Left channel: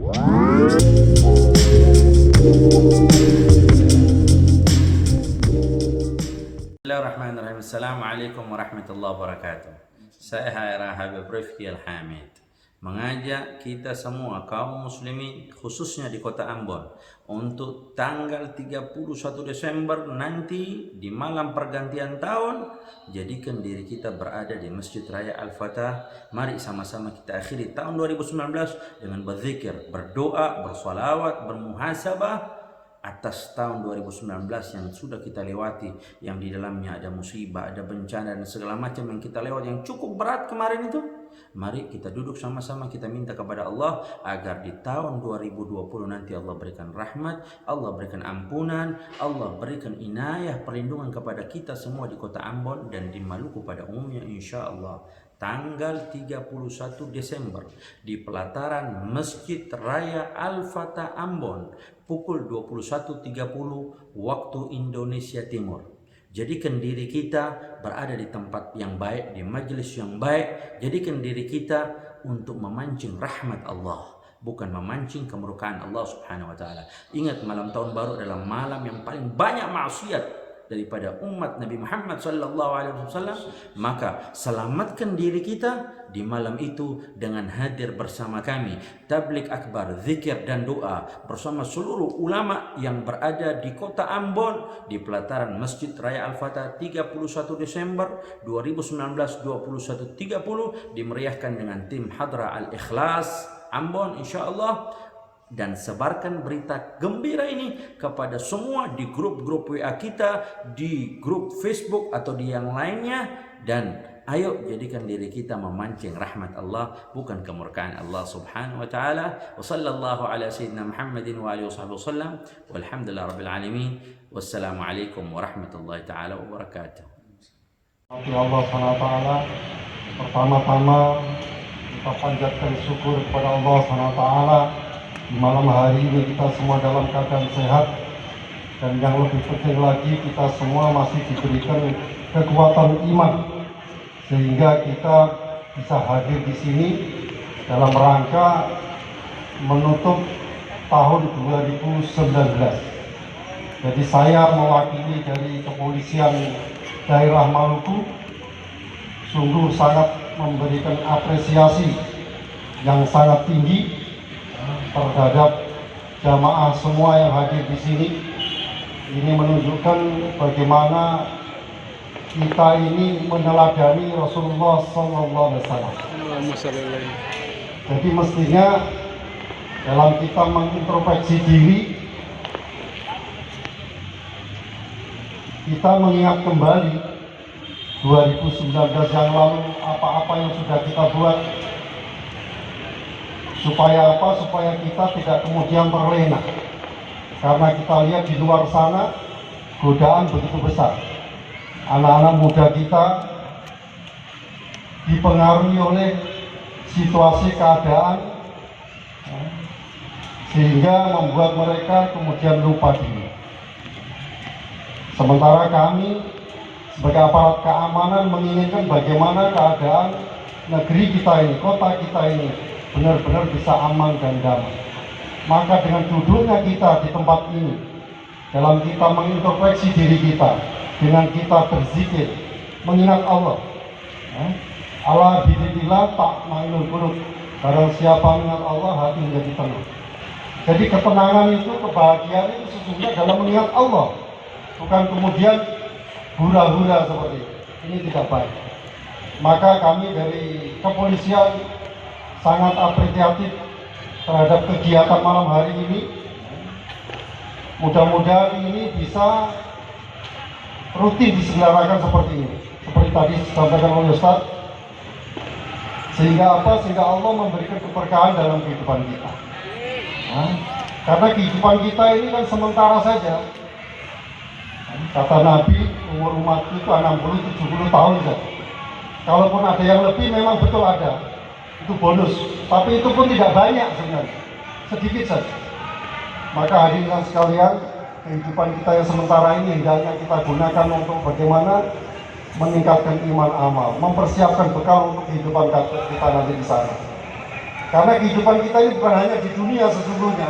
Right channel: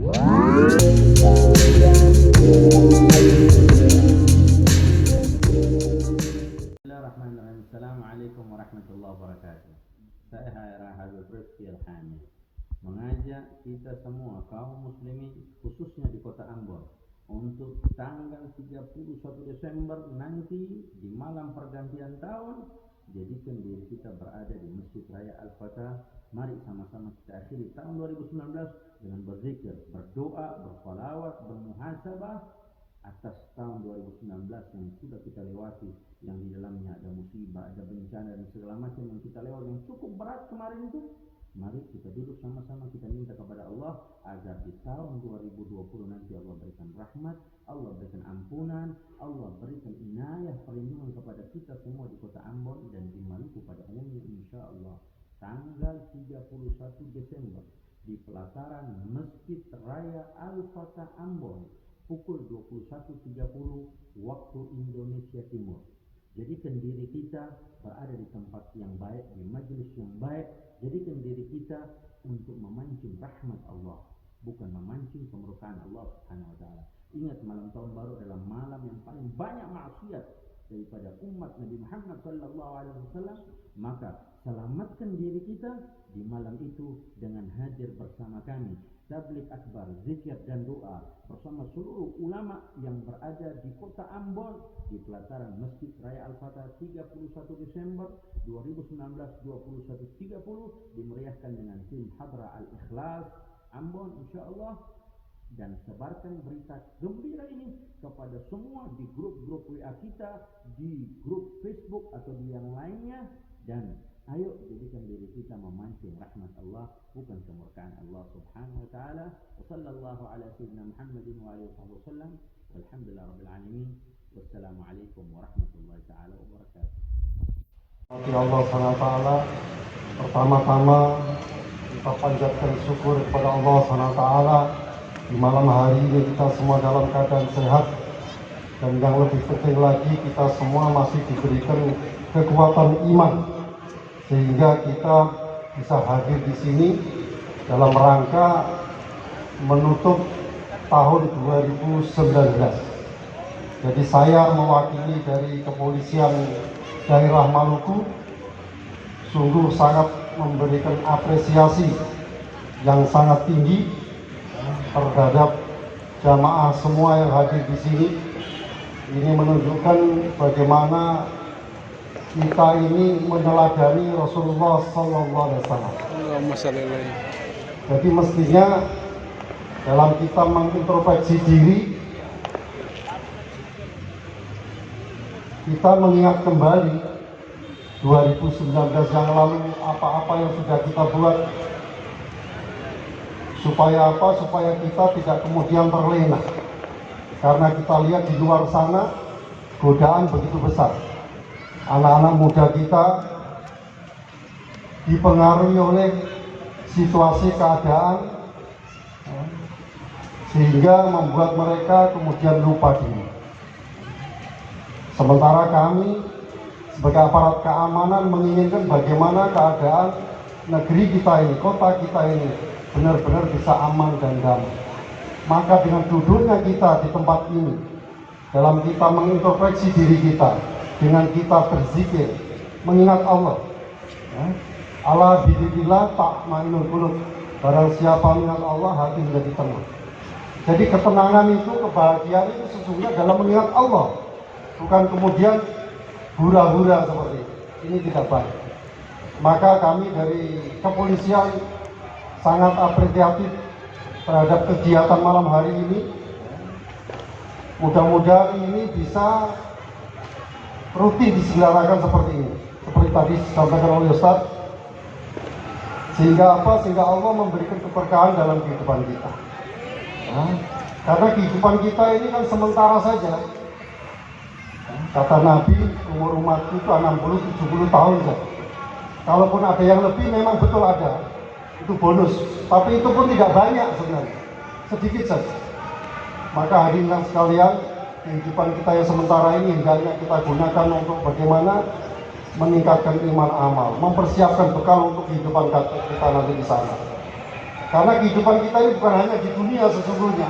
Bismillahirrahmanirrahim. Assalamualaikum warahmatullahi wabarakatuh. Saya Haira Habib Rifki Al-Hamid mengajak kita semua kaum muslimin khususnya di kota Ambon untuk tanggal 31 Desember nanti di malam pergantian tahun, jadikan diri kita berada di Masjid Raya Al-Fatah. Mari sama-sama kita akhiri tahun 2019 dengan berzikir, berdoa, bersolawat, bermuhasabah atas tahun 2019 yang sudah kita lewati, yang di dalamnya ada musibah, ada bencana dan segala macam yang kita lewat yang cukup berat kemarin itu. Mari kita duduk sama-sama, kita minta kepada Allah agar di tahun 2020 nanti Allah berikan rahmat, Allah berikan ampunan, Allah berikan inayah, perlindungan kepada kita semua di kota Ambon dan di Maluku pada umumnya insya Allah. Tanggal 31 Desember di pelataran Masjid Raya Al-Fatah Ambon pukul 21.30 waktu Indonesia Timur. Jadikan diri kita berada di tempat yang baik, di majelis yang baik. Jadikan diri kita untuk memancing rahmat Allah, bukan memancing kemurkaan Allah Subhanahu wa taala. Ingat, malam tahun baru adalah malam yang paling banyak maksiat daripada umat Nabi Muhammad sallallahu alaihi wasallam. Maka selamatkan diri kita di malam itu dengan hadir bersama kami tabligh akbar, zikir dan doa bersama seluruh ulama yang berada di kota Ambon di pelataran Masjid Raya Al-Fatah 31 Desember 2019 21.30 dimeriahkan dengan tim Hadra Al-Ikhlas Ambon insyaallah. Dan sebarkan berita gembira ini kepada semua di grup-grup WA kita, di grup Facebook atau di yang lainnya, dan ayo jadikan diri kita memancing rahmat Allah bukan kemurkaan Allah Subhanahu wa taala. Wa sallallahu ala sayyidina Muhammadin wa alihi wasallam walhamdulillahirabbil alamin. Wassalamualaikum warahmatullahi taala wabarakatuh. Allah SWT, pertama-tama kita panjatkan syukur kepada Allah SWT. Di malam hari ini kita semua dalam keadaan sehat, dan yang lebih penting lagi kita semua masih diberikan kekuatan iman sehingga kita bisa hadir di sini dalam rangka menutup tahun 2019. Jadi saya mewakili dari Kepolisian Daerah Maluku sungguh sangat memberikan apresiasi yang sangat tinggi terhadap jamaah semua yang hadir di sini. Ini menunjukkan bagaimana kita ini meneladani Rasulullah SAW. Jadi mestinya dalam kita mengintrospeksi diri, kita mengingat kembali 2019 yang lalu, apa-apa yang sudah kita buat. Supaya apa? Supaya kita tidak kemudian terlena. Karena kita lihat di luar sana godaan begitu besar. Anak-anak muda kita dipengaruhi oleh situasi keadaan sehingga membuat mereka kemudian lupa diri. Sementara kami sebagai aparat keamanan menginginkan bagaimana keadaan negeri kita ini, kota kita ini benar-benar bisa aman dan damai. Maka dengan duduknya kita di tempat ini, dalam kita mengintrospeksi diri kita, dengan kita berzikir, mengingat Allah, ala dzikrillah tatma'innul qulub. Barang siapa mengingat Allah, hati menjadi tenang. Jadi ketenangan itu, kebahagiaan itu sesungguhnya dalam mengingat Allah, bukan kemudian hura-hura seperti itu. Ini tidak baik. Maka kami dari kepolisian sangat apresiatif terhadap kegiatan malam hari ini. Mudah-mudahan ini bisa rutin diselenggarakan seperti ini, seperti tadi disampaikan oleh Ustaz. Sehingga apa? Sehingga Allah memberikan keberkahan dalam kehidupan kita. Karena kehidupan kita ini kan sementara saja. Kata Nabi, umur umatku itu 60-70 tahun saja. Kalaupun ada yang lebih, memang betul ada. Itu bonus, tapi itu pun tidak banyak sebenarnya, sedikit saja. Maka hadirin sekalian, kehidupan kita yang sementara ini hendaknya kita gunakan untuk bagaimana meningkatkan iman amal, mempersiapkan bekal untuk kehidupan kita nanti di sana. Karena kehidupan kita ini bukan hanya di dunia sesungguhnya.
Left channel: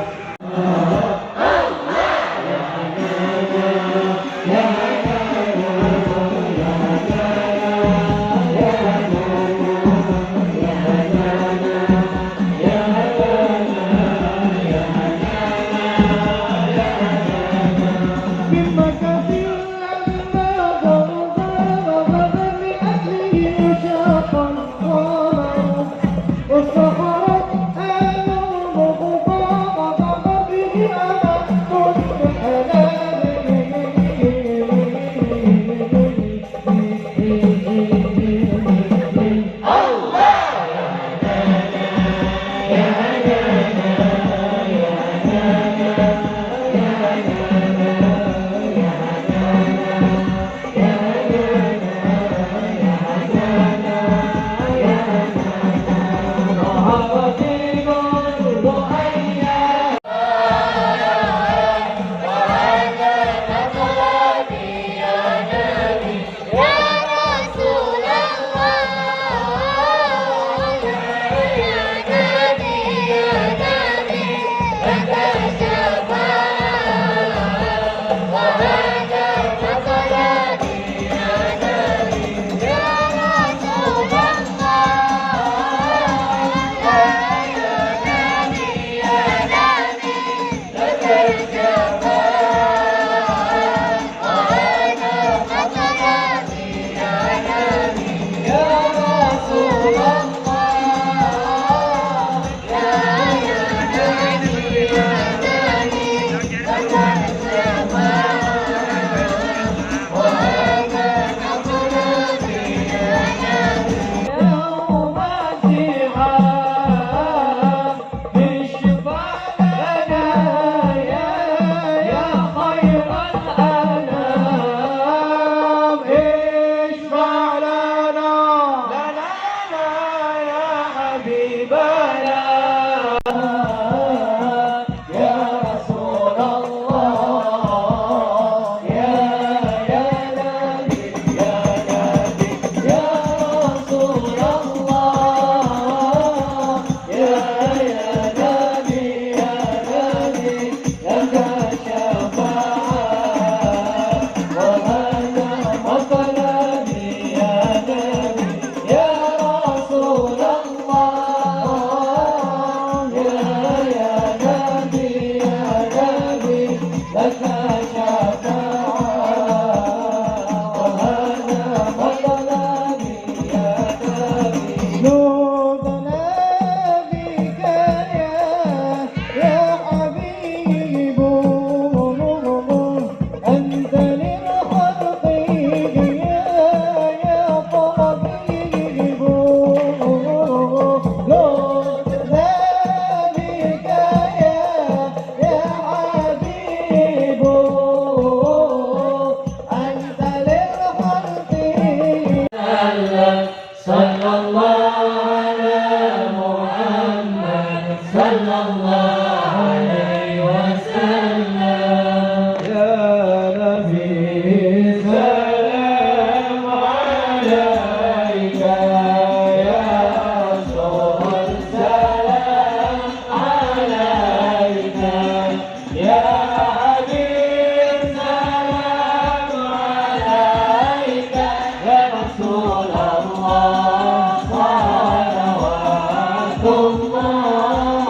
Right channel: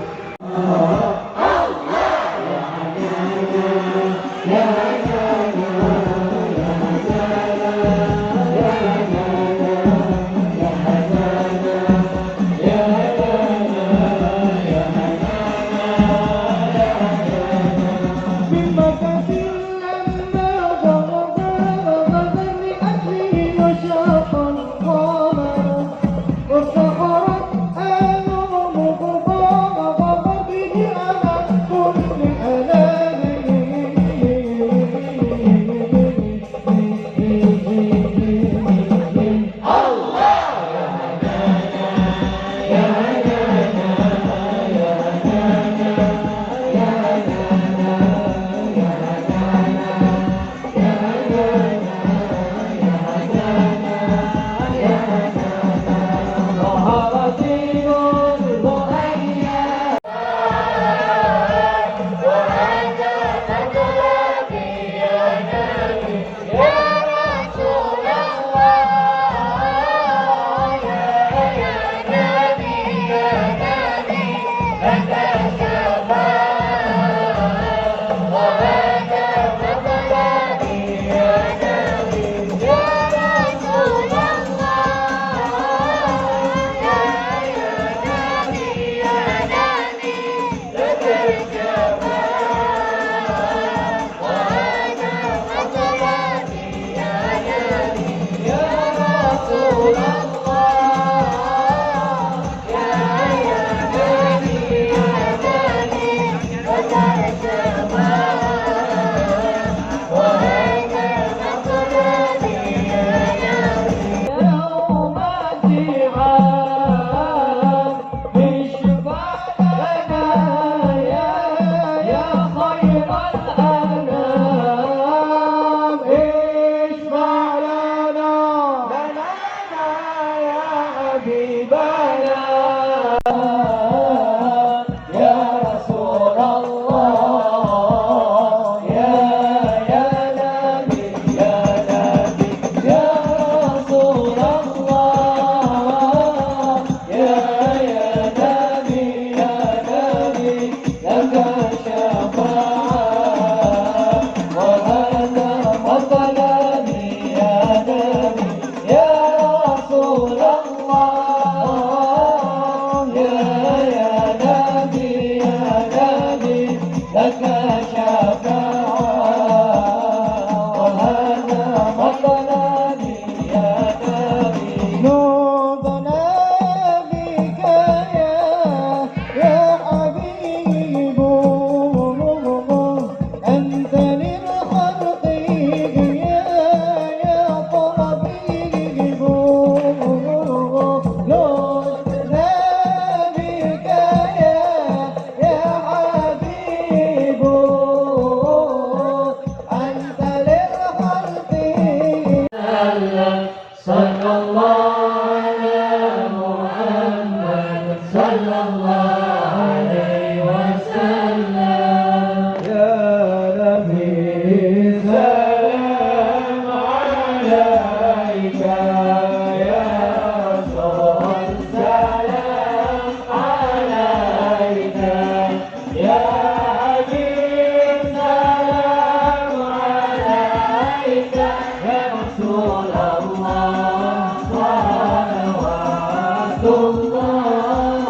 الله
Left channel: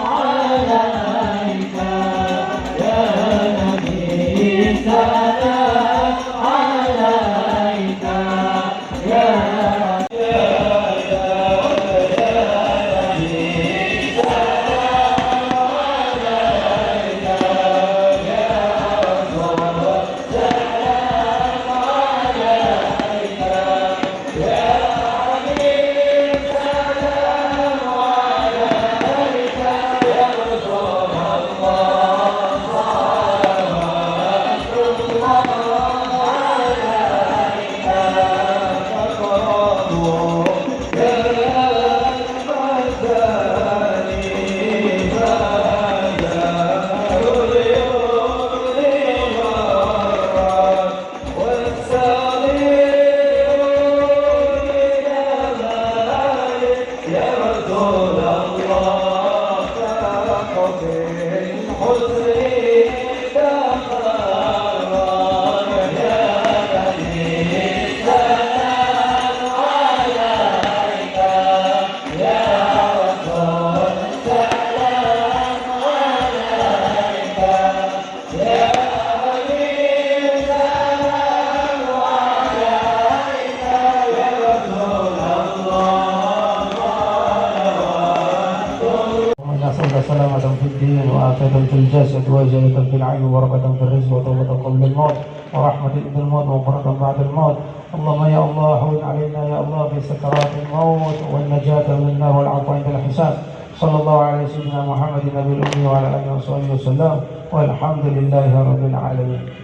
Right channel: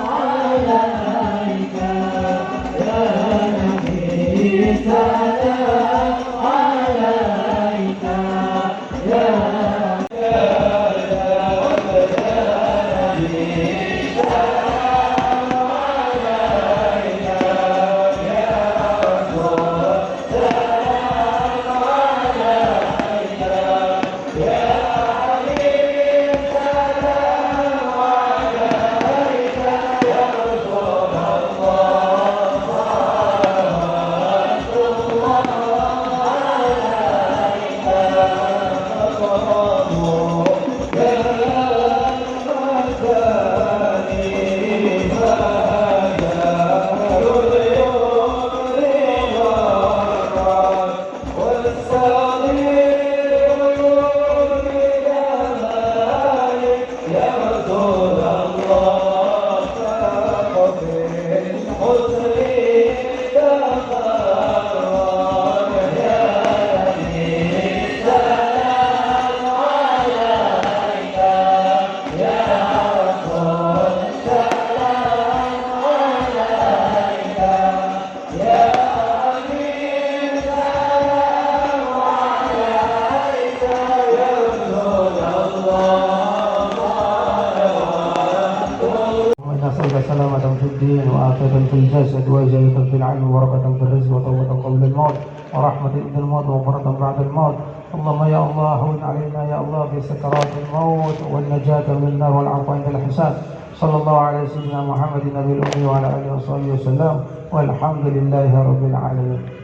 عليك نسألك سلامة في الدين وعافية في الجسد وزيادة في العلم وبركة في الرزق وتوبة قبل الموت ورحمة عند الموت وغفرة بعد الموت. اللهم يا الله هون علينا يا الله بسكرات الموت والنجاة من النار والعفو عند الحساب. صلى الله على سيدنا محمد النبي الأمي وعلى آله وصحبه وسلم والحمد لله رب العالمين.